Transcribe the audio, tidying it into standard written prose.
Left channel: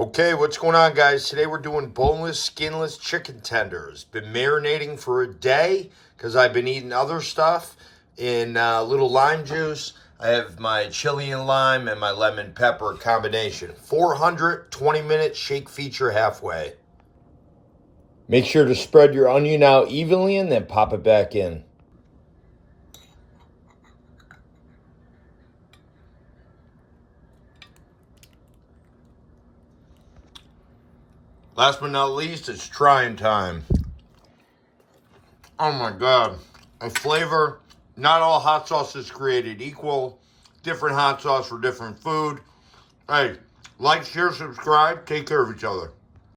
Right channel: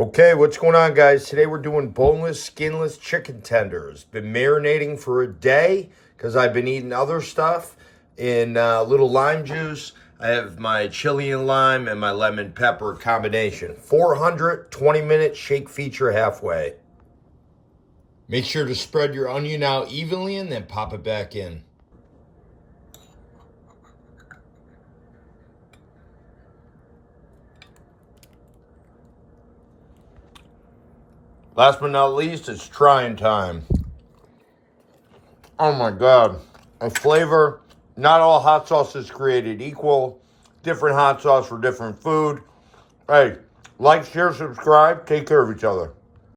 Okay, what's going on, guys? Today we're doing boneless, skinless chicken tenders. Been marinating for a day because I've been eating other stuff in little lime juice. I have my chili and lime and my lemon pepper combination. 420-minute shake feature halfway. Make sure to spread your onion out evenly and then pop it back in. Last but not least, it's trying time. Oh my God. A flavor. Not all hot sauce is created equal. Different hot sauce for different food. Hey, like, share, subscribe. Take care of each other.